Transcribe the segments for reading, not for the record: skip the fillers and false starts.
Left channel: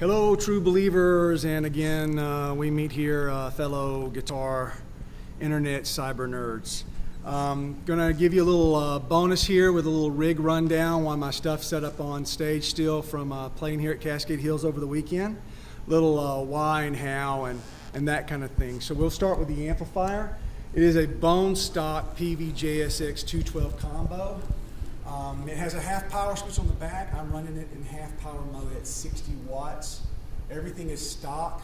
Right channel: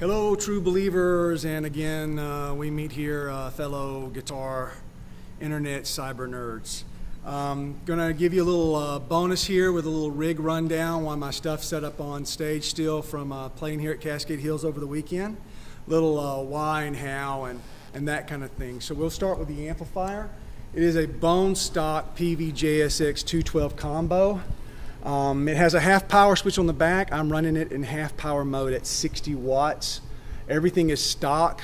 Hello, true believers, and again, we meet here, fellow guitar, internet, cyber nerds. Gonna give you a little bonus here with a little rig rundown while my stuff's set up on stage still from playing here at Cascade Hills over the weekend. Little why and how and that kind of thing. So we'll start with the amplifier. It is a bone stock Peavey JSX 212 combo. It has a half power switch on the back. I'm running it in half power mode at 60 watts. Everything is stock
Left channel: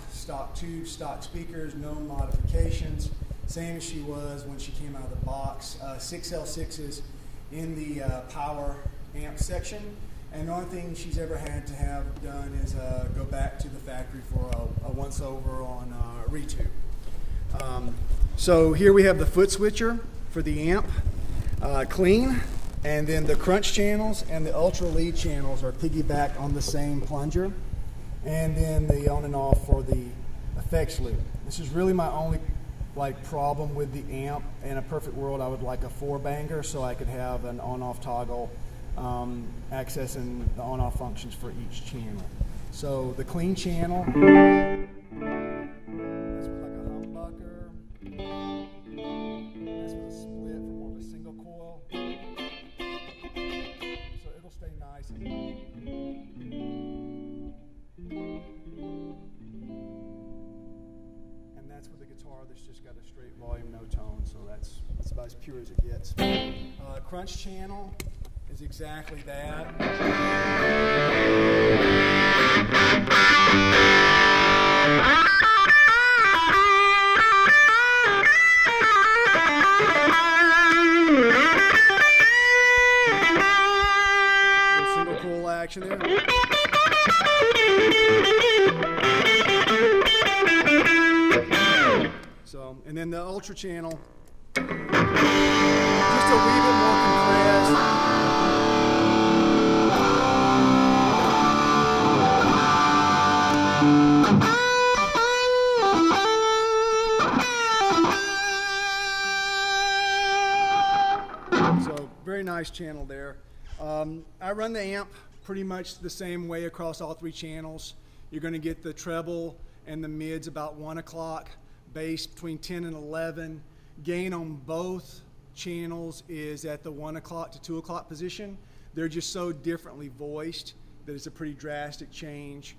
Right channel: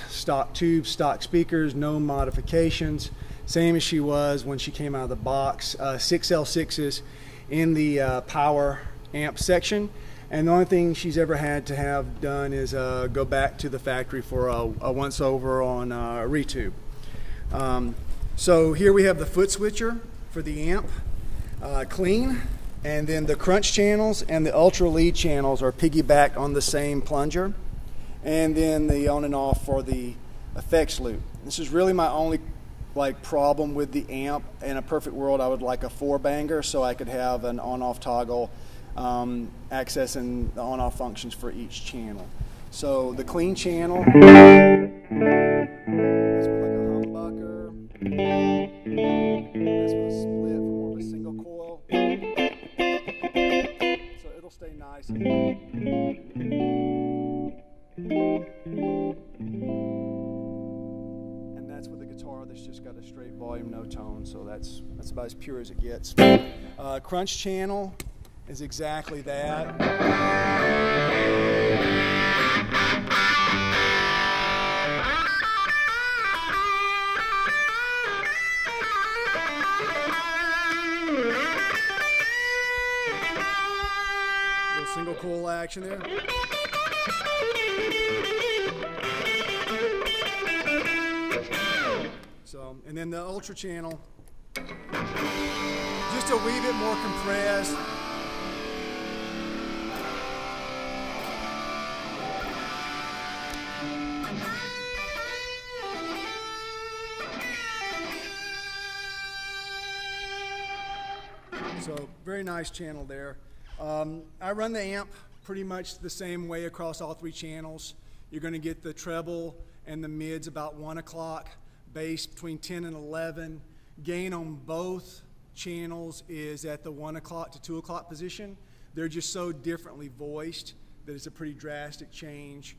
tubes, stock speakers, no modifications. Same as she was when she came out of the box. 6 L6s in the power amp section. And the only thing she's ever had to have done is go back to the factory for a once over on a retube. So here we have the foot switcher for the amp, clean. And then the crunch channels and the ultra lead channels are piggybacked on the same plunger. And then the on and off for the effects loop. This is really my only problem with the amp. In a perfect world, I would like a 4-banger so I could have an on-off toggle accessing the on-off functions for each channel. So the clean channel, that's with like a humbucker. That's with a split for more of a single coil. So it'll stay nice. And that's with a guitar that's just got a straight volume, no tone, so that's about as pure as it gets. Crunch channel is exactly that. Little single coil action there. So, and then the ultra channel, just a wee bit more compressed. So, very nice channel there. I run the amp pretty much the same way across all 3 channels. You're going to get the treble and the mids about 1 o'clock. Bass between 10 and 11. Gain on both channels is at the 1 o'clock to 2 o'clock position. They're just so differently voiced that it's a pretty drastic change.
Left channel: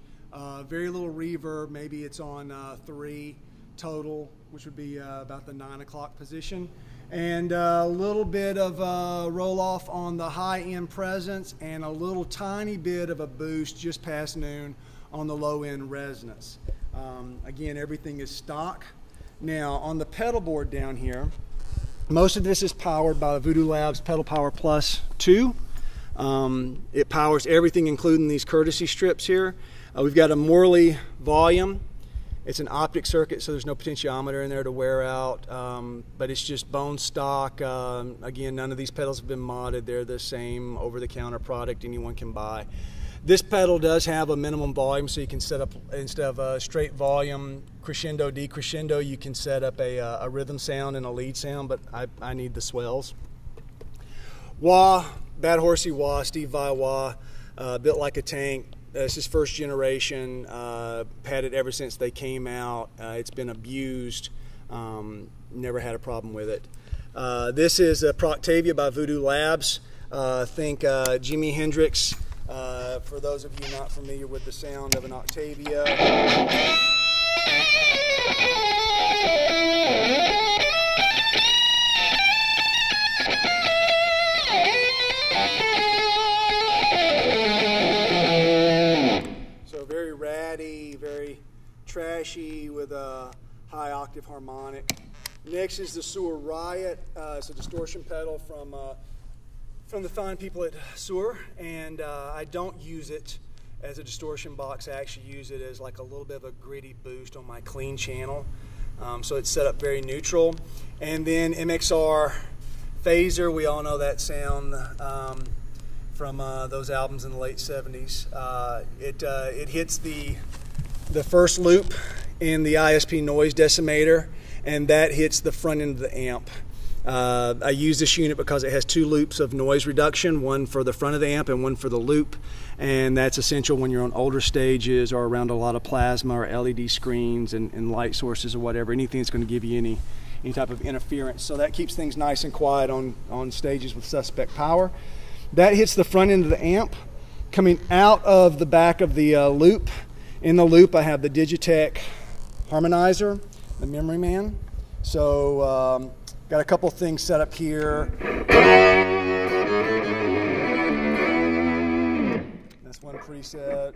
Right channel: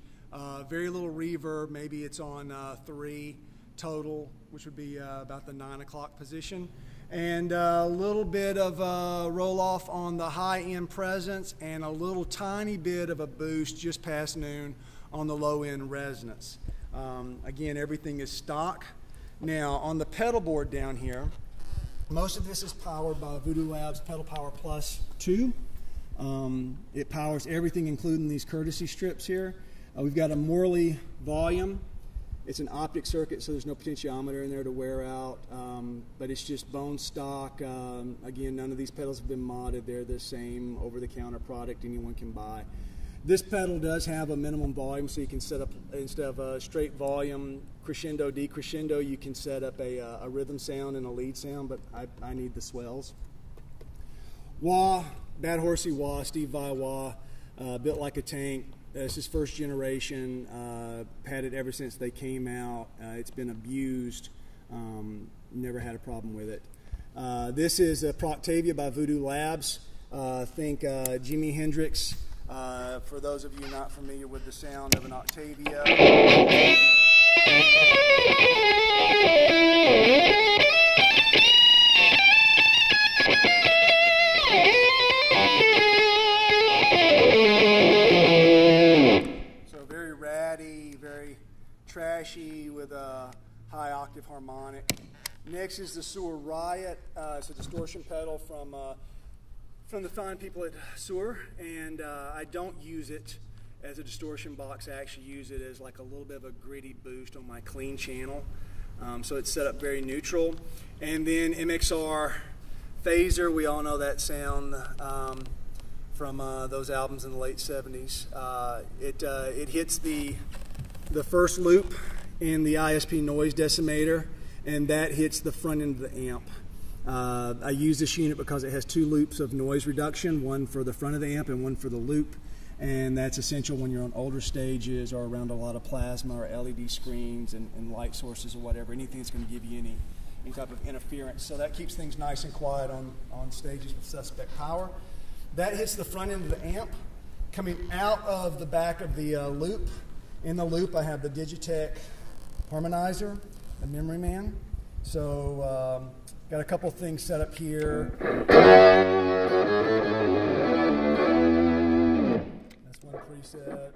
Very little reverb, maybe it's on 3 total, which would be about the 9 o'clock position. And a little bit of a roll off on the high end presence and a little tiny bit of a boost just past noon on the low end resonance. Again, everything is stock. Now, on the pedal board down here, most of this is powered by the Voodoo Labs Pedal Power Plus 2. It powers everything, including these courtesy strips here. We've got a Morley volume. It's an optic circuit, so there's no potentiometer in there to wear out, but it's just bone stock. Again, none of these pedals have been modded. They're the same over-the-counter product anyone can buy. This pedal does have a minimum volume, so you can set up, instead of a straight volume, crescendo, decrescendo, you can set up a rhythm sound and a lead sound, but I need the swells. Wah, Bad Horsey Wah, Steve Vai Wah, built like a tank. This is first generation, had it ever since they came out. It's been abused, never had a problem with it. This is a Octavia by Voodoo Labs. Think Jimi Hendrix. For those of you not familiar with the sound of an octavia. So very ratty, very trashy with a high octave harmonic. Next is the Sewer Riot. It's a distortion pedal from the fine people at Sewer, and I don't use it as a distortion box. I actually use it as like a little bit of a gritty boost on my clean channel. So it's set up very neutral. And then MXR Phaser, we all know that sound from those albums in the late 70s. It hits the first loop in the ISP noise decimator, and that hits the front end of the amp. I use this unit because it has 2 loops of noise reduction, one for the front of the amp and one for the loop, and that's essential when you're on older stages or around a lot of plasma or LED screens and light sources or whatever, anything that's going to give you any type of interference. So that keeps things nice and quiet on stages with suspect power. That hits the front end of the amp. Coming out of the back of the loop, in the loop I have the Digitech harmonizer, the Memory Man. So got a couple things set up here. That's one preset.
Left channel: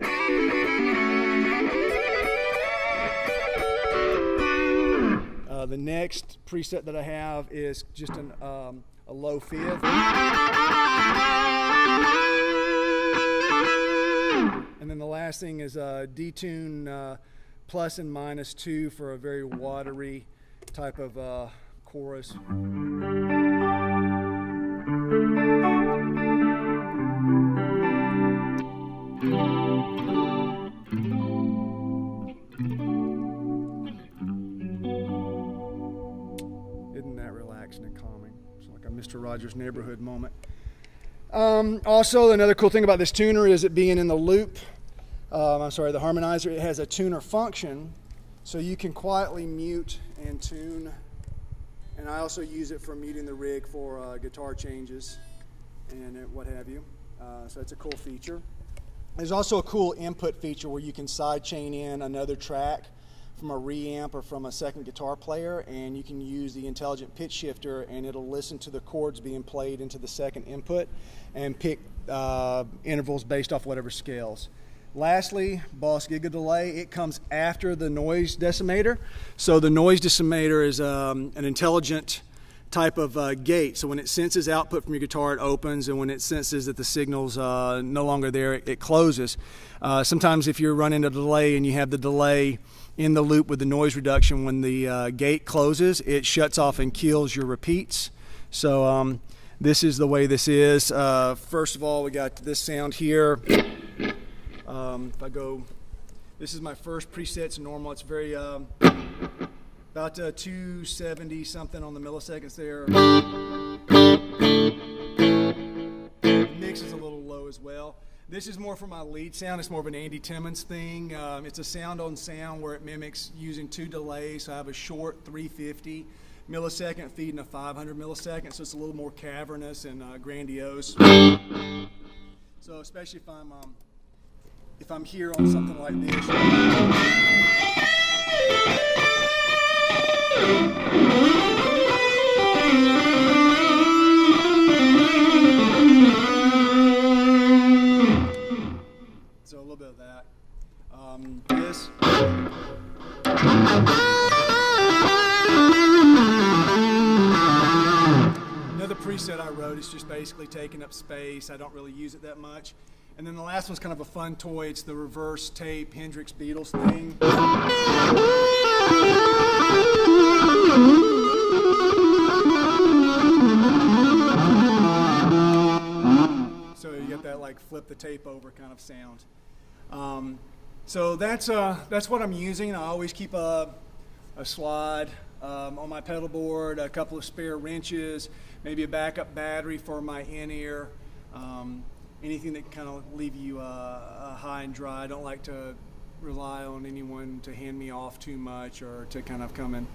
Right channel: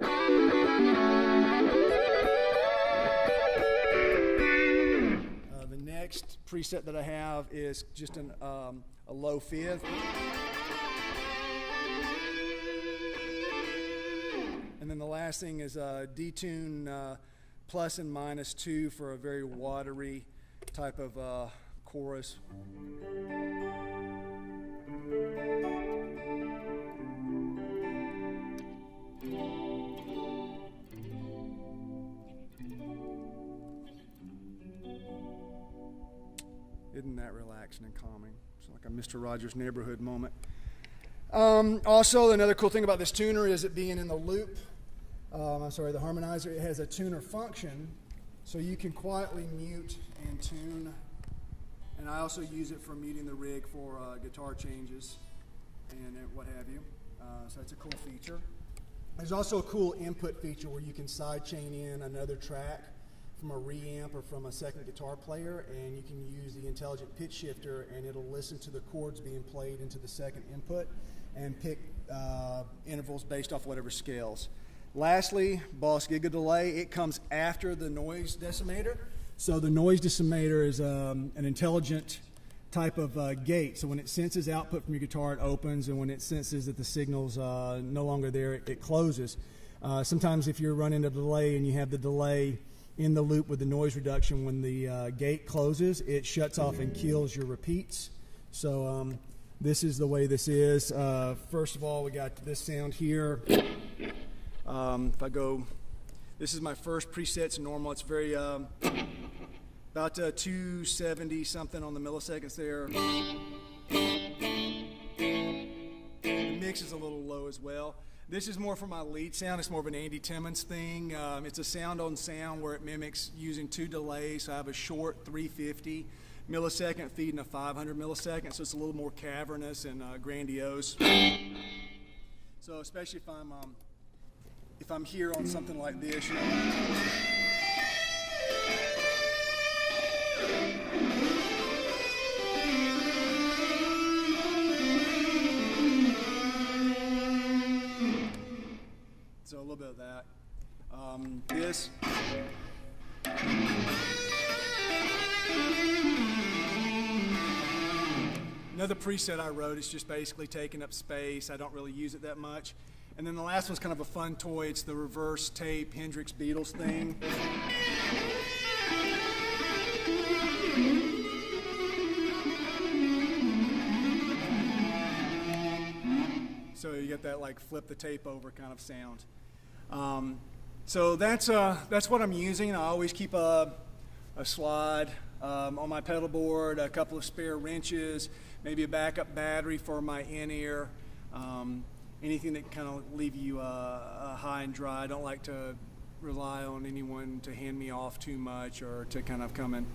The next preset that I have is just a low fifth. And then the last thing is a detune plus and minus 2 for a very watery type of chorus. Isn't that relaxing and calming? It's like a Mr. Rogers' Neighborhood moment. Also, another cool thing about this tuner is it being in the loop. I'm sorry, the harmonizer, it has a tuner function, so you can quietly mute and tune. And I also use it for muting the rig for guitar changes and what have you. So it's a cool feature. There's also a cool input feature where you can sidechain in another track from a reamp or from a second guitar player, and you can use the intelligent pitch shifter and it'll listen to the chords being played into the second input and pick intervals based off whatever scales. Lastly, Boss Giga Delay. It comes after the noise decimator. So the noise decimator is an intelligent type of gate. So when it senses output from your guitar, it opens, and when it senses that the signal's no longer there, it closes. Sometimes if you're running a delay and you have the delay in the loop with the noise reduction, when the gate closes, it shuts off and kills your repeats. So this is the way this is. First of all, we got this sound here. If I go, this is my first preset. It's normal. It's very about 270 something on the milliseconds there. The mix is a little low as well. This is more for my lead sound. It's more of an Andy Timmons thing. It's a sound on sound where it mimics using 2 delays. So I have a short 350 millisecond feeding a 500 millisecond, so it's a little more cavernous and grandiose. So especially if I'm here on something like this. So a little bit of that. This. Another preset I wrote is just basically taking up space. I don't really use it that much. And then the last one's kind of a fun toy. It's the reverse tape Hendrix Beatles thing. So you get that like flip the tape over kind of sound. So that's what I'm using. I always keep a slide on my pedal board, a couple of spare wrenches, maybe a backup battery for my in-ear. Anything that can kind of leave you high and dry. I don't like to rely on anyone to hand me off too much or to kind of come and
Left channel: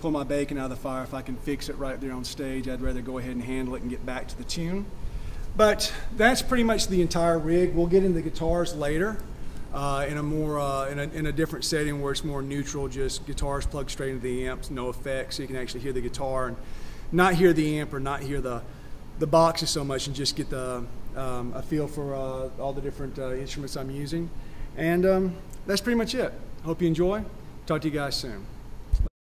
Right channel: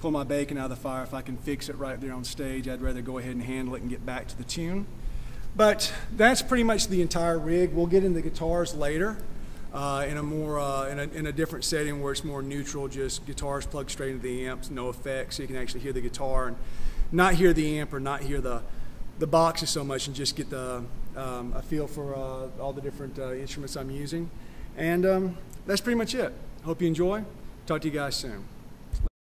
pull my bacon out of the fire. If I can fix it right there on stage, I'd rather go ahead and handle it and get back to the tune. But that's pretty much the entire rig. We'll get into guitars later in a more in a different setting where it's more neutral, just guitars plugged straight into the amps, no effects, so you can actually hear the guitar and not hear the amp or not hear the boxes so much, and just get a feel for all the different instruments I'm using. And that's pretty much it. Hope you enjoy. Talk to you guys soon.